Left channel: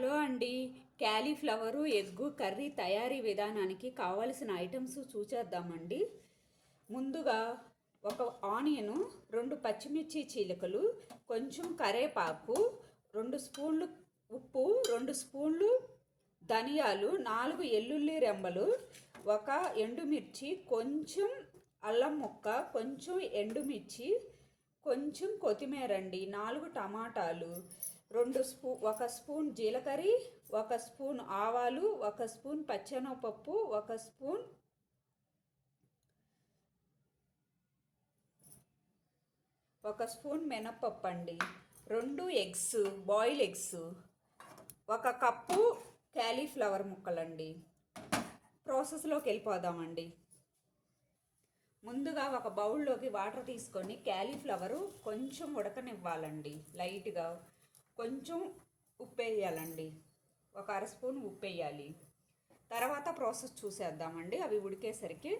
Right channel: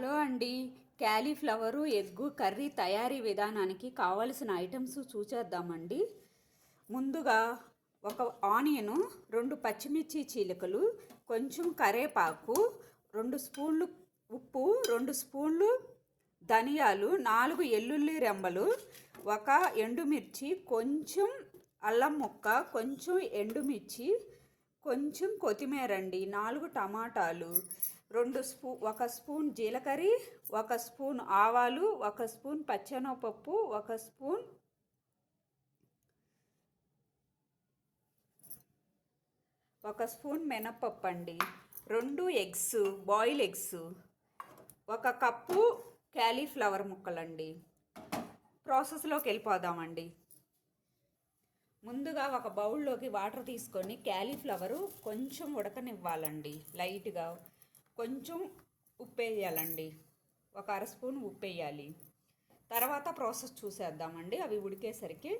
Hello అండి. Cauliflower egg curry తయారీ విధానానికి కావలసిన ఐటమ్స్ చూసేద్దామండి. ముందుగా ఒక ఆనియను, 2 పచ్చిమిర్చి చీలికలు, కొంచెం కరేపాకు, 2 స్పూన్లు ఉప్పు, 2 స్పూన్లు ధనియాలు, 4 ఎల్లుల్లి రెమ్మలు, ఒక ఎండుమిర్చి, కొంచెం అల్లం ముక్క, కొంచెం ఎండుమిర్చి, కొంచెం కొత్తిమీర అండి, 4 టమాటాలు, 1 స్పూన్ జీలకర్ర, 1 స్పూన్ ఆవాలు, 1 స్పూన్ పచ్చెనగపప్పు, 1 స్పూన్ మినప్పప్పు అండి, 2 eggs, boil eggs, 1 cup cauliflower ముక్కలండి. ప్రాసెస్లోకి వెళ్ళిపోదామండి. ముందుగా ఒక బౌల్లోకి వాటర్ తీసుకొని క్యాలీఫ్లవరు కొంచెం ఉడకనివ్వాలండి. లైట్గా కొంచెం ఉప్పు వేయాలండి, 1 అర స్పూన్ ఉప్పు వేయాలి. తర్వాత ప్రాసెస్ చూసేద్దామండి. అవి ఉడికేసరికి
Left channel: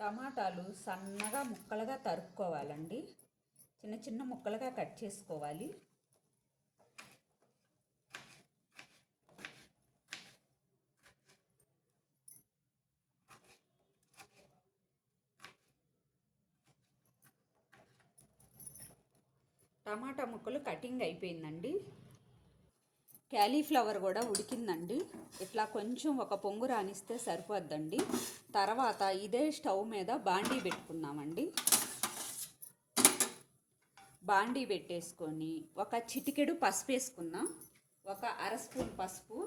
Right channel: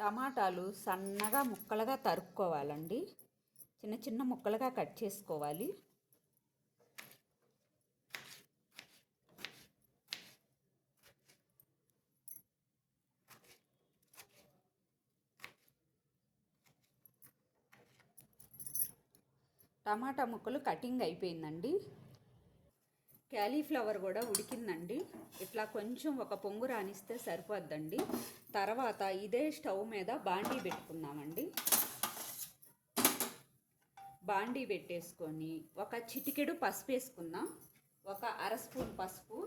టమాటాలు సన్నగా ముక్కలుగా తరుక్కోవాలండి, చిన్న చిన్న ముక్కలుగా కట్ చేసుకోవాలి. టమాటా ముక్కలు కటింగ్ అయిపోయిందండి. క్యాలీఫ్లవర్ కూడా ఉడికిందండి. ఇట్లా కొంచెం ఒక పొంగు రానిస్తే సరిపోద్దండి. తర్వాత ఇదే స్టవ్ మీద బాండీ పెట్టుకుందామండి. బాండీ పెట్టేసుకొని ఒక చిటికెడు పసుపు వేసుకున్నాం. 1 అర స్పూన్ పసుపు,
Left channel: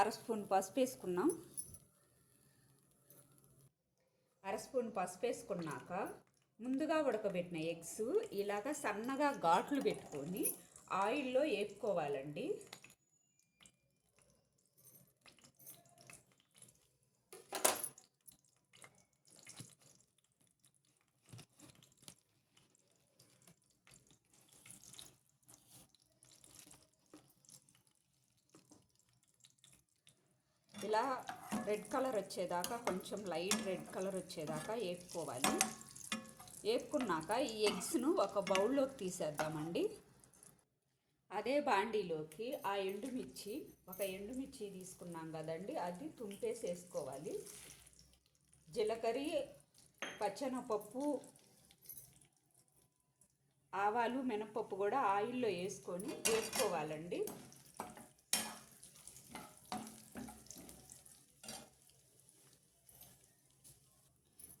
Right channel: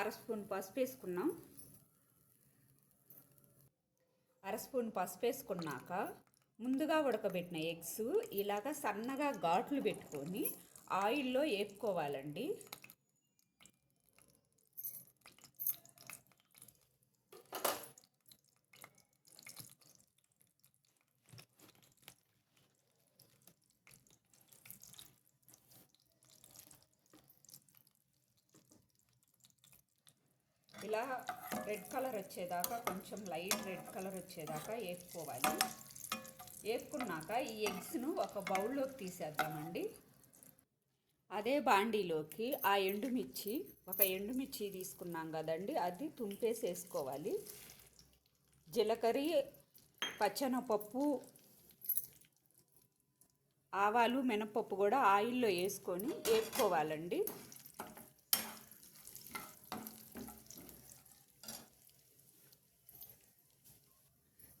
అర స్పూన్ పసుపు వేసుకున్నాం. అర స్పూన్ పసుపు వేసుకున్నాక ముందుగా ఉడకబెట్టిన ఎగ్స్ ఇలాగ సన్నగా ఘాట్లు పెట్టుకొని ఆయిల్లో వేపుకోవాలండి. ఇలా రెడ్ కలర్ వచ్చేదాకా, కొంచెం లైట్ రెడ్ కలర్ వచ్చేదాకా వేపుకోవాలి. వేపుకున్నాక ఈ ఎగ్స్ను ఒక బౌల్లోకి తీసేద్దామండి. అదే బాండీలోకి ఆ ఎండుమిర్చి, 1 ఎండుమిర్చి తీసుకున్నాం కదండి, అది తుంపేసి వేసుకోవాలి. జీలకర్ర, పచ్చెనగపప్పు, ఆవాలు, మినపప్పు కూడా ఆయిల్లో వేసుకొని వేపుకోవాలండి.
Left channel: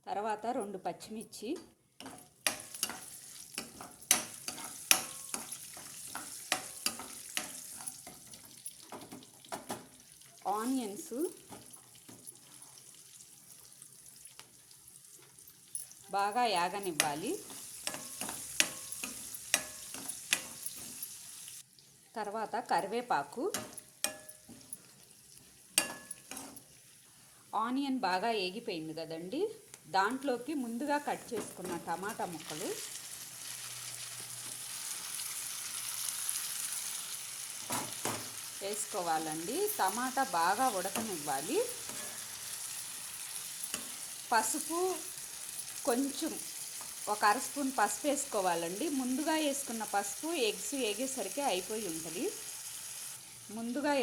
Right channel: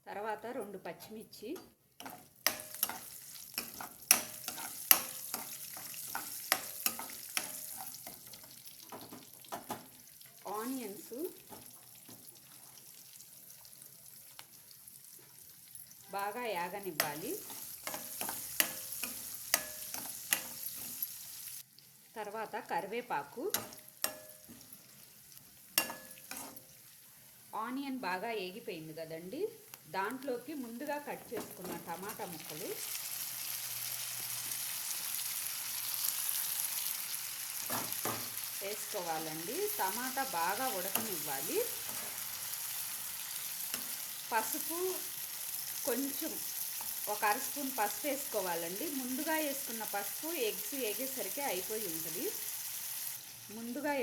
తర్వాత 2 పచ్చిమిర్చి, ఆనియన్స్, బాగా యాగనివ్వాలి. తర్వాత కరివేపాకు, ఆనియన్ బాగా ఏగిపోయింది కదండి, దాంట్లోకి ముందుగా కట్ చేసుకున్న టమాటా ముక్కలు, వేసుకోవాలండి. టమాటా బాగా ఉడకనివ్వాలి. పసుపు కొంచెం 1 అర స్పూన్ పసుపు వేసుకోవాలండి. ముందుగా వేసుకున్న పసుపు ఎగ్స్ వేగేసరికి అయిపోయి ఉంటుంది. ముందుగా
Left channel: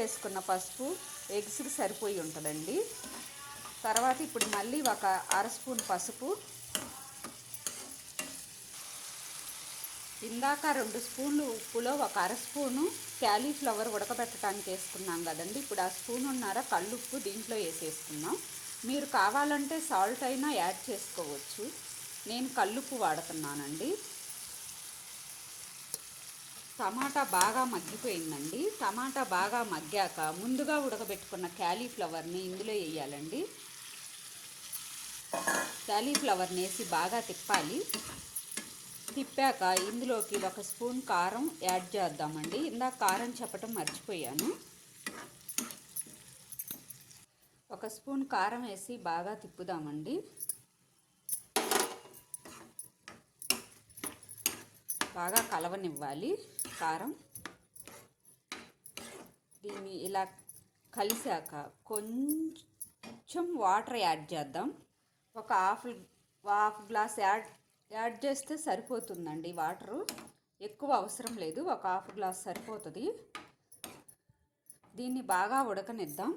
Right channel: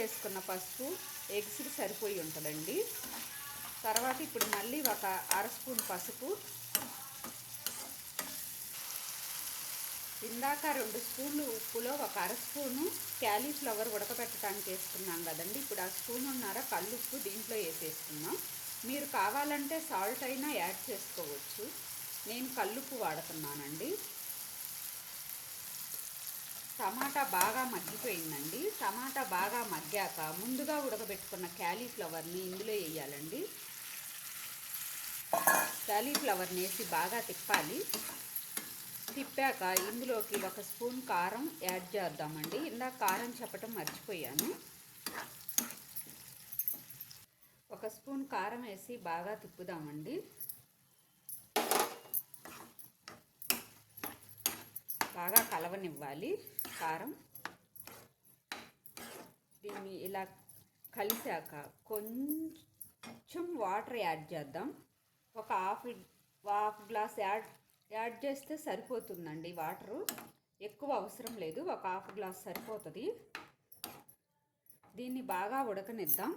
వేసుకున్న పసుపు ఎగ్స్కి సరిపోయి ఉంటుందండి. తర్వాత ఇప్పుడు మళ్ళీ 1 అర స్పూన్ పసుపు, ఇందాక 2 స్పూన్లు ఉప్పులో 1 అర స్పూను క్యాలీఫ్లవర్ ఉడకబెట్టడానికి వేసుకున్నాం కదండి, ఇప్పుడు ఆ స్పూనున్నర కల్లుప్పు దీంట్లో వేసేసుకున్నాం. మీరు కావాలంటే సాల్ట్ అయినా యాడ్ చేసుకోవచ్చు. నేను కల్లుప్పు వాడుతున్నానండి. టమాటా బాగా మగ్గిపోయిందండి. టమాటా బాగా మగ్గాక ముందుగా ఉడకబెట్టుకున్న క్యాలీఫ్లవర్ని ఇందులో వేయాలండి. క్యాలీఫ్లవర్ని వేసి బాగా తిప్పాలి. తిప్పాక ఇందులోకి 1 స్పూన్ కారం యాడ్ చేద్దామండి. ఇందాక కారం చెప్పటం మర్చిపోయాను. 1 స్పూన్ కారం వేసి బాగా తిప్పుదామండి. బాగా కలవనివ్వాలి కారం. దీన్ని ఇలా కలిసాక కొంచెం వాటర్ యాడ్ చేద్దాం. హాఫ్ గ్లాస్ యాడ్ చేస్తే సరిపోతుందండి. వాటరు ఎక్కువ అవసరం లేదు, ఒక హాఫ్ గ్లాస్ సరిపోతుంది. దీన్ని బాగా ఉడకనిద్దాం.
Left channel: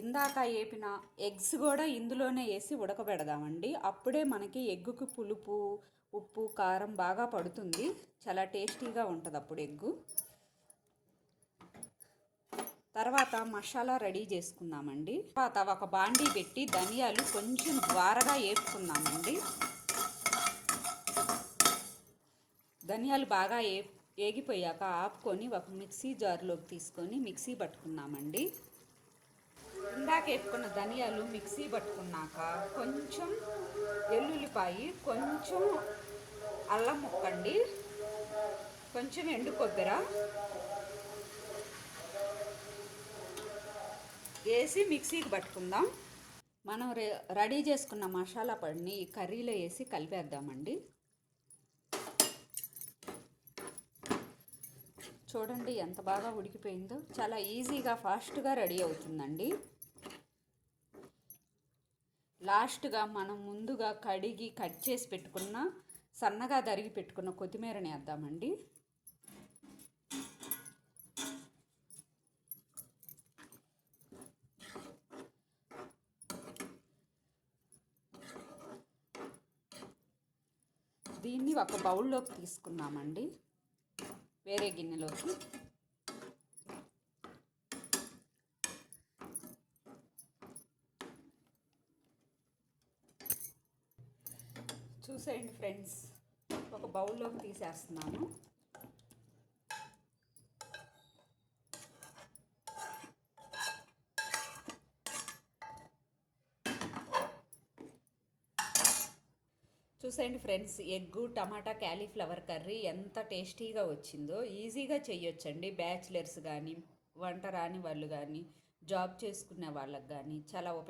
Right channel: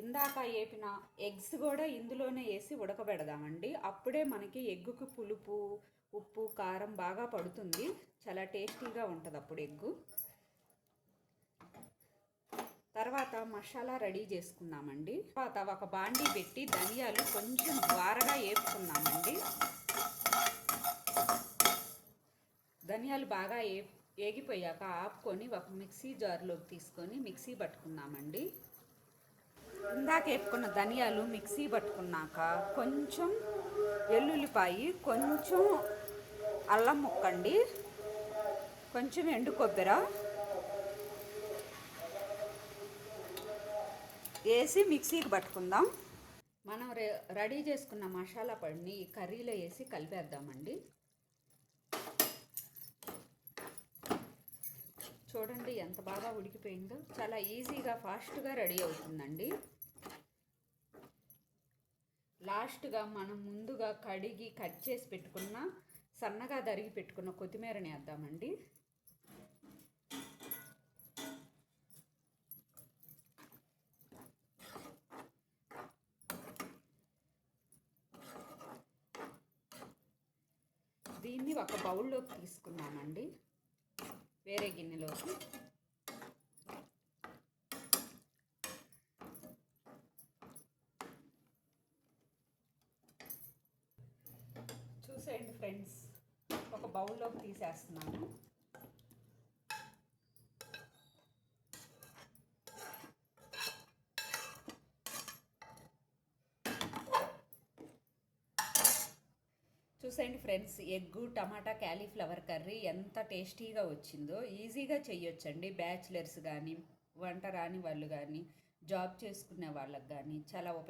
ఇందాక వేపిన ఎగ్స్ కూడా ఇందులోనే వేసి ఉడకబెడదామండి. అప్పుడే మనకి ఎగ్గుకు పులుపు, ఉప్పు, కారం బాగా పడుతుంది. చాలా టేస్టీగా ఉంటుంది అప్పుడు ఎగ్గు. తర్వాత మసాలా రెడీ చేసుకున్నామండి. తర్వాత ఒక బాండీ పెట్టి ధనియాలు కొంచెం ద్వారగా వేపుకున్నామండి. ధనియాలు బాగా వేగిపోయాక ఆపుకొని ఒక మిక్సీ జార్లోకి తీసుకొని మిక్సీ పట్టుకున్నామండి. ఇందాక వేపుకున్న ధనియాలు మిక్సీ పట్టుకున్నాక కొంచెం వెల్లుల్లిపాయి, కొంచెం అల్లం ముక్కండి, కొంచెం ఎండు కొబ్బరి వేసి మిక్సీకి పట్టుకుందాం. మనం రెడీ చేసుకున్న మసాలా పొడిని ఈ కర్రీలో వేసి కలిపేద్దామండి. చూడండి ఎంత బాగా ఉడికిపోయిందో. చాలా ఈజీగా ఫాస్ట్గా రెడీ అవుతుందండి. లాస్ట్గా మనం ముందుగా కడిగి కట్ చేసి పెట్టుకున్న, సన్నగా తరిగి పెట్టుకున్న కొత్తిమీరని వేద్దామండి. దీన్ని ఒక బౌల్లోకి తీసుకుందామండి, వేరే గిన్నెలోకి. చూసేయండి ఫ్రెండ్స్, ఒక బౌల్లోకి తీసేస్తున్నాను. చూసేయండి ఫ్రెండ్స్, ఎగ్గు టమాటా క్యాలీఫ్లవర్ కర్రీ ఎంత టేస్టీగా వచ్చిందో. ఈజీగా చేయొచ్చండి. బ్యాచిలర్స్ కానీ, వంట రాని వాళ్ళు కానీ, జాబ్ చేసుకునే వాళ్ళకి కానీ చాలా